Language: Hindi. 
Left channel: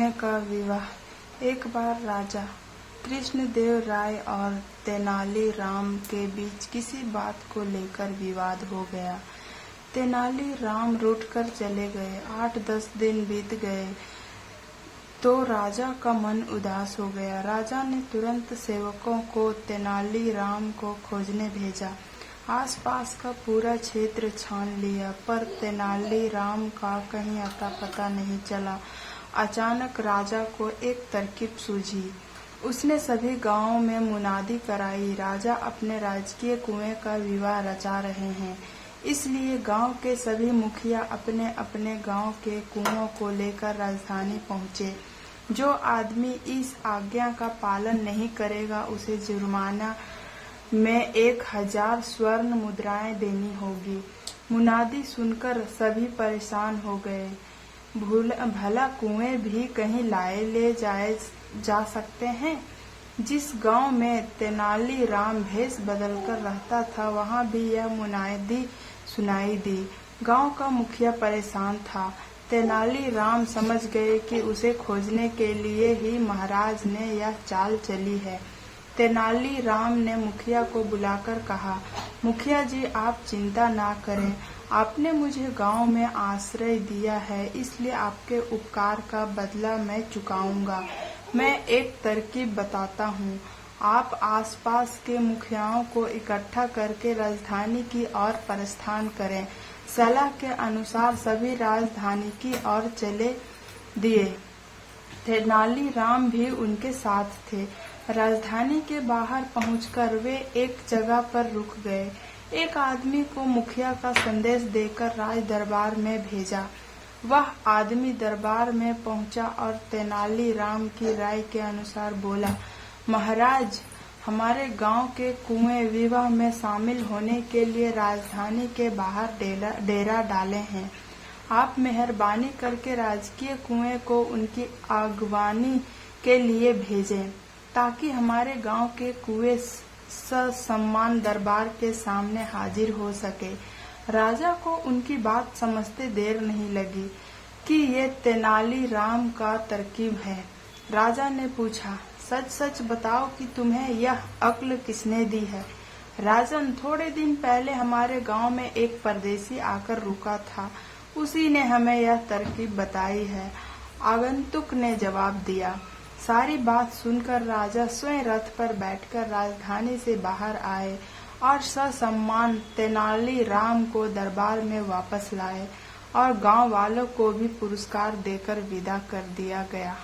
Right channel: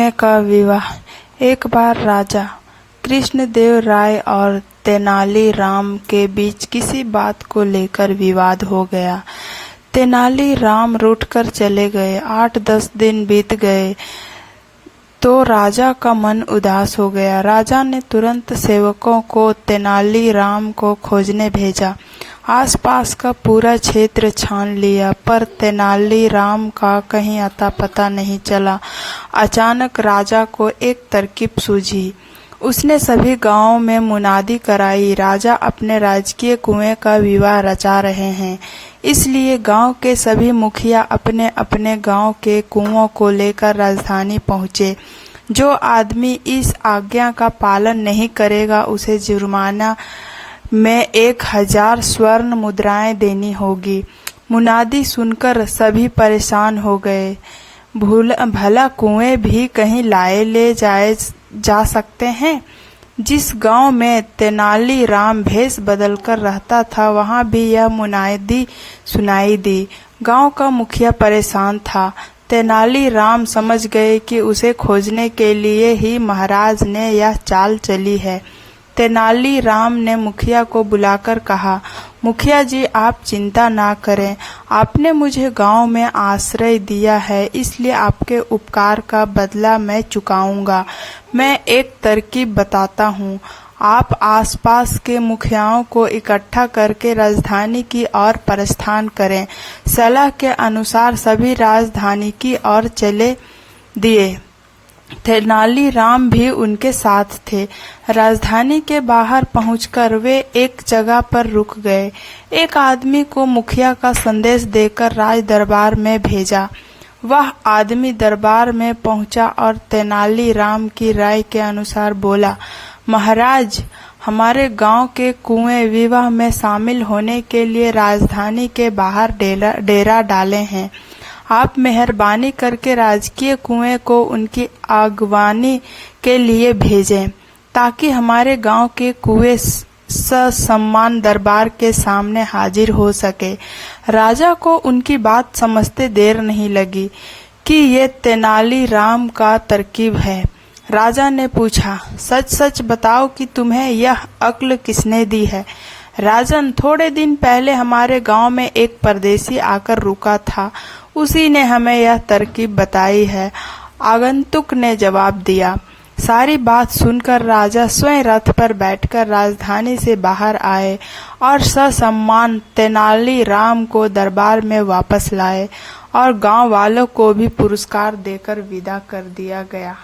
कुएं का विवाह। एक बार राजा कृष्णदेव राय और तेनाली राम के बीच किसी बात को लेकर विवाद हो गया। तेनाली राम रूठकर चले गए। 8-10 दिन बीत गए तो राजा का मन उदास हो गया। राजा ने तुरंत सेवकों को तेनाली राम को खोजने भेजा। आसपास का पूरा क्षेत्र छान लिया पर तेनाली राम का कहीं अता पता नहीं चला। अचानक राजा को एक तरकीब सूझी। उसने सभी गांवों में मुनादी कराई, राजा अपने राजकीय कुएं का विवाह रचा रहे हैं। इसलिए गांव के सभी मुखिया अपने अपने गांव के कुओं को लेकर राजधानी पहुंचे। जो आदमी इस आज्ञा का पालन नहीं करेगा उसे जुर्माना में 1000 स्वर्ण मुद्राएं देनी होगी। मुनादी सुनकर सभी परेशान हो गए। भला कुएं भी कहीं लाए ले जाए जा सकते हैं। जिस गांव में तेनाली राम भेष बदलकर रहता था वहां भी यह मुनादी सुनाई दी। गांव का मुखिया परेशान था। तेनाली राम समझ गए कि उसे खोजने के लिए ही महाराज ने यह चाल चली है। तेनाली राम ने मुखिया को बुलाकर कहा, मुखिया जी आप चिंता ना करें, आपने मुझे गांव में आश्रय दिया है इसलिए आपके उपकार का बदला मैं चुकाऊंगा। मैं एक तरकीब बताता हूँ। आप आसपास के मुखियाओं को इकट्ठा करके राजधानी की ओर प्रस्थान करें। सलाह के अनुसार सभी राजधानी की ओर चले दिए। तेनाली राम भी उनके साथ थे। राजधानी के बाहर पहुंचकर वे एक जगह पर रुक गए। एक आदमी को मुखिया का संदेश देकर राज दरबार में भेजा। वह आदमी दरबार में पहुंचा और तेनाली राम की राय के अनुसार बोला, महाराज हमारे गांव के कुएं विवाह में शामिल होने के लिए राजधानी के बाहर डेरा डाले हैं। आप मेहरबानी करके राजकीय कुएं को उनकी अगवानी के लिए भेजें ताकि हमारे गांव के कुएं ससम्मान दरबार के सामने हाजिर हो सके। राजा को उनकी बात समझते देर नहीं लगी कि ये तेनाली राम का तरकीब है। राजा ने पूछा, सच सच बताओ कि तुम्हें यह अक्ल किसने दी है? राजन, थोड़े दिन पहले हमारे गांव में एक परदेसी आकर रुका था, उसी ने हमें यह तरकीब बताई है, आगंतुक ने जवाब दिया। सारी बात सुनकर राजा स्वयं रथ पर बैठकर राजधानी से बाहर आए और ससम्मान तेनाली राम को दरबार में वापस लाए और गांव वालों को भी पुरस्कार देकर विदा कर दिया गया।